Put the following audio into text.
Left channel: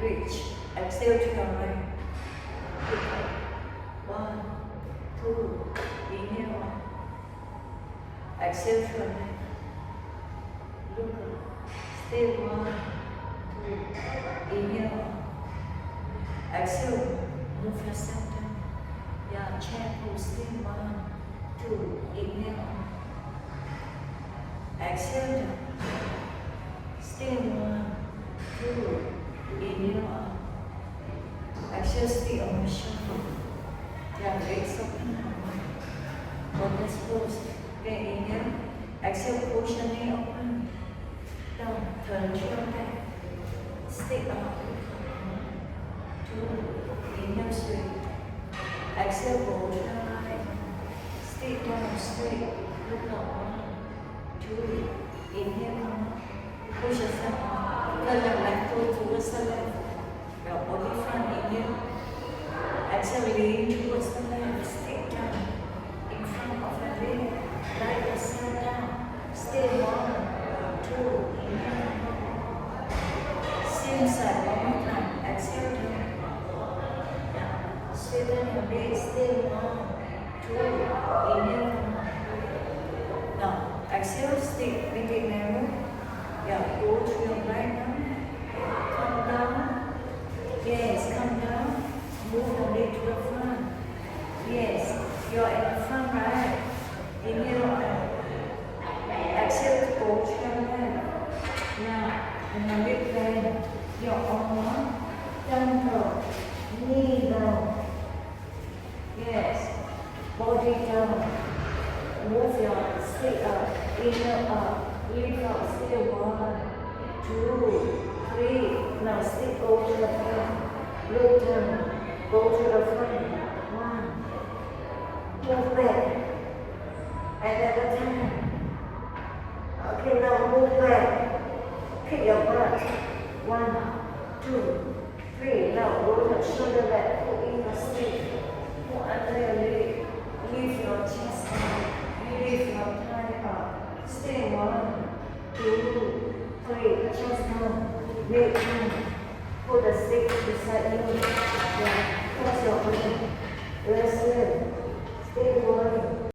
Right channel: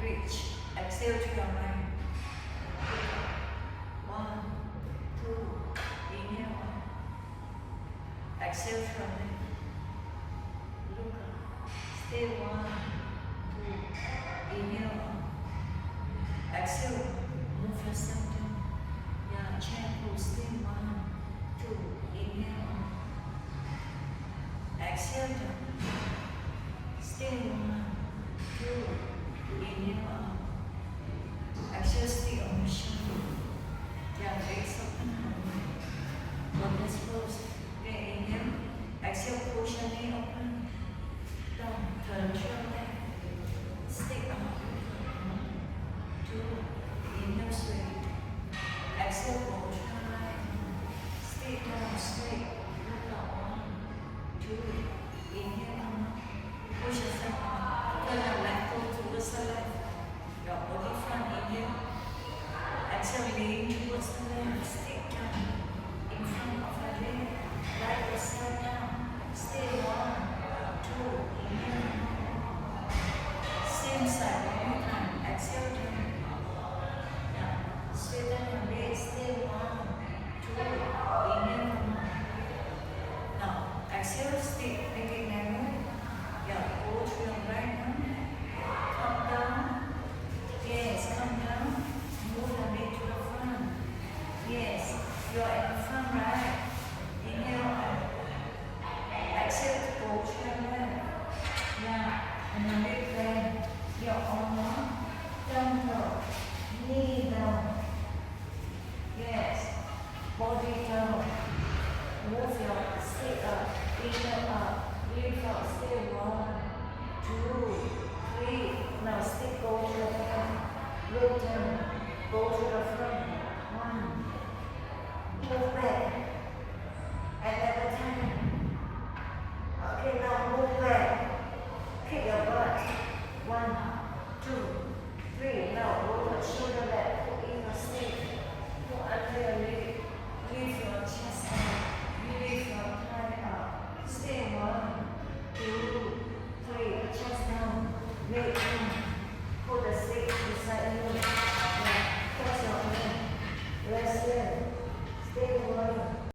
reach, exhale to your right. Pick up. 1, 2, inhale up. Exhale to your left. Look up. Stay 1, 2, inhale up. Exhale, move yourself down. Yeah, chair pose, stay 1, 2, inhale up. Exhale down. Stay 1, 2, inhale up. Exhale, stay on your shoulder. Yeah, legs open high. Lotus pose. Okay, inhale. Exhale, push your knee open. Down, turn to your back. Stick up. 1, 2, inhale straight. Exhale, go to the right. Stay down, straight. Look up. 1, 2, inhale up. Push yourself up. Turn your left toe towards the left. Your body front, inhale. Exhale, leaning towards the left. Stick down in front of the leg. Drag yourself down. Stay 1, 2, inhale. Same side, one more time. Exhale down. Yeah. Straighten your legs. Stay 1, 2, inhale. Now, exhale, stick, make it narrow. Yeah, go to your right now. Come down. Yes, come down. Move the leg to the front. Yes, you're in the front, right? Inhale. Exhale, go to your left. Now, in the leg bend, your arm down, knee down. Yes, body down. Move your stick up, inhale up, lift up, stay 1, 2, 3. Now stick go to the back, look down, go to the front. 1, move back, another time. Okay, now move back, kick your butt. 1, 2, 3. Now roll the shoulder back, put in your stick, put under your leg, lift your chest up. Lift your thigh up. Stay 1, 2, 3. Chest down. Leg in. Put the stick beside you. Yeah. Cross your leg. Rest it. Stay 1,